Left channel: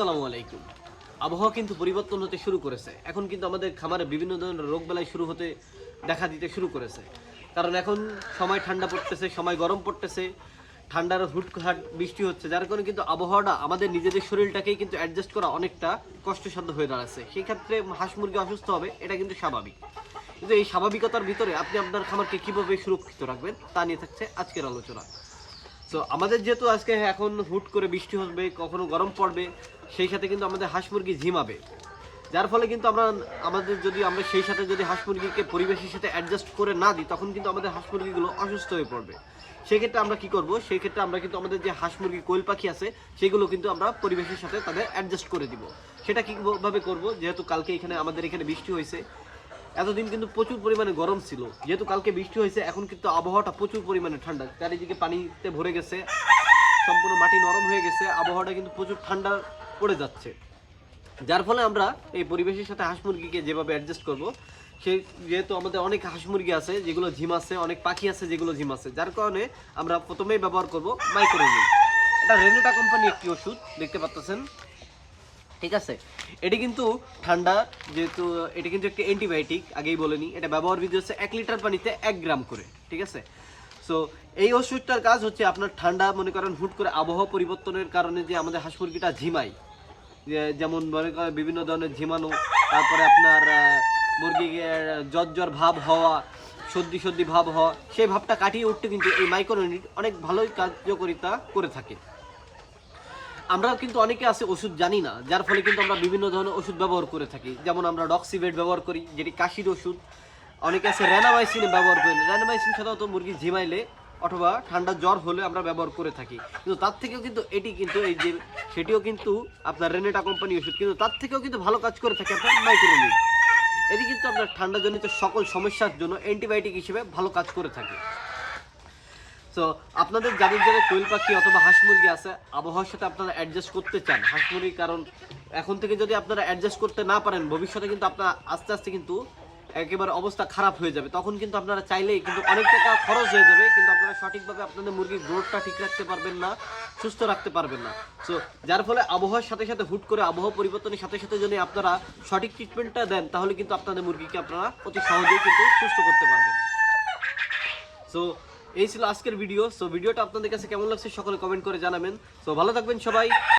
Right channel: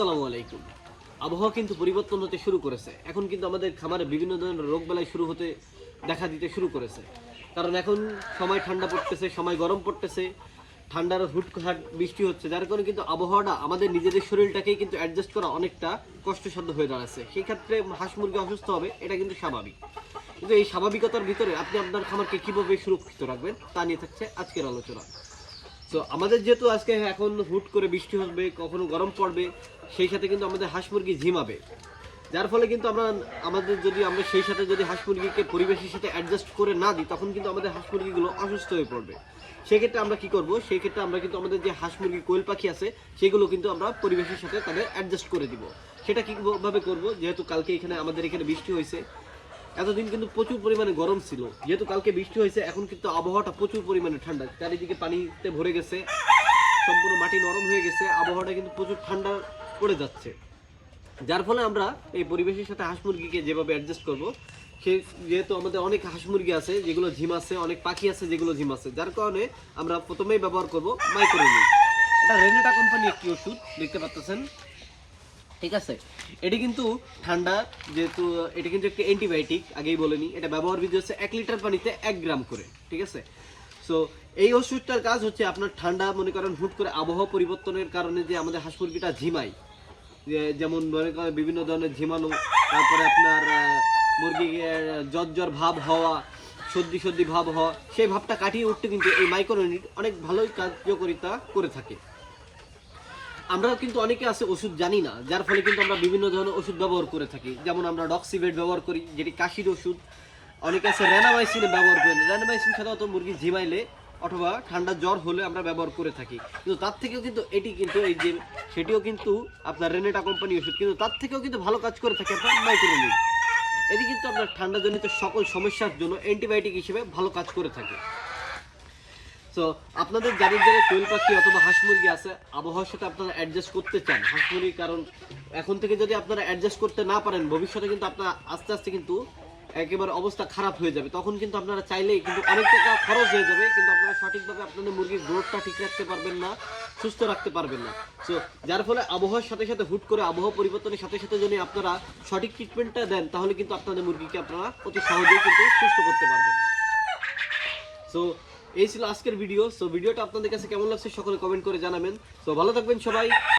আসসালামু আলাইকুম। আবহাওয়া কিন্তু পরিবর্তন হতে শুরু করেছে। এখন কিন্তু আমাদের খামারে বিভিন্ন ধরনের রোগবালাই দেখা দিতে শুরু করেছে। কারণ এখন সময় ঠান্ডা পড়তেছে, সময় গরম পড়তেছে, ঠান্ডার হুটহাট বৃষ্টি হচ্ছে, যার কারণে কিন্তু আবহাওয়াটা আমাদের নিজেদের শরীরটাকেই কিন্তু অ্যাডজাস্ট করা অনেকটা কষ্টসাধ্য হয়ে দাঁড়াচ্ছে। সেই ক্ষেত্রে হাঁস মুরগি অসুস্থ হবে, এটা কিন্তু স্বাভাবিক। কিন্তু এই স্বাভাবিকতার ভিতরে আপনি আপনার খামারকে কীভাবে সুরক্ষিত রাখবেন তা নিয়ে থাকছে আজকের আলোচনা। তো আমাদের যেহেতু আজকে এখন হুট করে বৃষ্টি হবে, কখনো গরম পড়বে, সেই সাথে কিন্তু আমাদের হাঁস মুরগি ঝিমাবে, যার ফলে কিন্তু আমরা সেই সাথে যদি হাঁস মুরগিকে পরিবেশের সাথে অ্যাডজাস্ট করে না দিই, তখন কিন্তু আমাদের হাঁস মুরগিগুলো অসুস্থ হয়ে পড়বে। সেক্ষেত্রে আমরা কি করব? সেই ক্ষেত্রে আমরা কিন্তু আমাদের যে হাঁস মুরগি কোয়েল পাখি আছে সেগুলো কিন্তু আমরা পরিবেশের সাথে তাদের অ্যাডজাস্ট করে দিব। সেটা কীভাবে করব? যেহেতু কালকে আমাদের এখানে বৃষ্টি হয়েছে, এতদিন কিন্তু প্রচুর পরিমাণে গরম ছিল, যেহেতু কালকে বৃষ্টি হয়েছে এখন কিন্তু আবহাওয়াটা প্রচুর পরিমাণে ঠান্ডা, চারিদিকে পানিতে ভরে গেছে, সম্পূর্ণ মাটি নরম হয়ে গেছে, আবহাওয়াটা কিন্তু প্রচুর ঠান্ডা পড়ে যাচ্ছে। যার ফলে আমরা এই পরিবেশের সাথে হাঁস মুরগিকে যেভাবে অ্যাডজাস্ট করব, যেহেতু আমাদের অনেক হাঁস মুরগি আছে যেগুলো ঝিমাচ্ছে, অনেক পাখি আছে যেগুলো ঝিমাচ্ছে, যার কারণে আমরা প্রথমেই ব্যবহার করব মাইক্রোনিম। এটা রেনেটা কোম্পানি একটি ওষুধ, দেখতে পাচ্ছেন, ঠিক আছে। এটি কিন্তু ঠান্ডা, যেহেতু এটি কিন্তু একটি অ্যান্টিবায়োটিক, আগেই বলে নিই, এটা ব্যবহার বিধি হচ্ছে 1 লিটার পানিতে 1 গ্রাম করে, ঠিক আছে। সো এই ওষুধটার কাজ হচ্ছে আপনার ঠান্ডা, মনে করেন হুট করে আবহাওয়া পরিবর্তনের কারণে যে আমাদের হাঁস মুরগিটা ঝিমায়, যেমন মনে করেন বিভিন্ন ধরনের ঝিমানো, তারপরে আপনার মুরগি জ্বর ভাব হওয়া, সর্দি ভাব হওয়া, সেই ভাবটা কাটিয়ে উঠতে কিন্তু এই মাইক্রোনিট অনেক ভালোই কার্যকারিতা করে থাকে। আমরা কিন্তু অনেকে আছে ওষুধ জানি না, যার ফলে কিন্তু আমরা বিভিন্ন ধরনের ওষুধ ব্যবহার করে থাকি। যেমন আমরা ডক্সিভেট ব্যবহার করি, যেটি কাশির ওষুধ। অনেকে আছে র্যানামাইসিন ব্যবহার করেন। র্যানামাইসিন সাধারণত মুরগি ঝিমাইলে অথবা ঠান্ডা জ্বর হলে আমরা ব্যবহার করে থাকি, কিন্তু তার থেকেও কিন্তু সেটিও কিন্তু আপনার রেনেটা কোম্পানি ওষুধ, কিন্তু তার থেকেও কিন্তু ভালো কাজ করে থাকে আপনার মাইক্রোনিট। এটি কিন্তু আপনার ঠান্ডাজনিত সকল সমস্যার জন্য অ্যান্টিবায়োটিক হিসেবে ভালো কাজ করে থাকে। তো আপনাদের যাদের যাদের কোয়েল পাখি অথবা হাঁস মুরগি আছে, আবহাওয়ার সাথে আপনারা অ্যাডজাস্ট করতে চান হাঁস মুরগি, কারণ এখন থেকে যদি আপনারা অ্যাডজাস্ট করতে না পারেন, ভবিষ্যতে কিন্তু আপনারা আস্তে আস্তে কিন্তু একেবারে অবস্থা খারাপ হয়ে যাবে। তখন কিন্তু আপনারা চাইলেই কিন্তু অনেক টাকা খরচ হয়ে যাবে, কিন্তু আপনারা সঠিকভাবে আপনাদের মুরগির গ্রোথটা ঠিক রাখতে পারবেন না, সুস্থ রাখতে পারবেন না। সো যার ফলে আবহাওয়ার সাথে সাথে হুট করে আবহাওয়া পরিবর্তনের সাথে সাথে যদি আপনারা সঠিক ট্রিটমেন্টটা দেন, তাহলে কিন্তু আপনাদের মুরগিকে আপনারা অতি সহজেই কিন্তু সুস্থ করতে পারবেন। সো এই ছিল আজকের ভিডিও। সো ভিডিওটা আপনাদের কাছে কেমন লাগছে সকলে কমেন্ট করে জানাবেন। সো ভালো থাকবেন সবাই।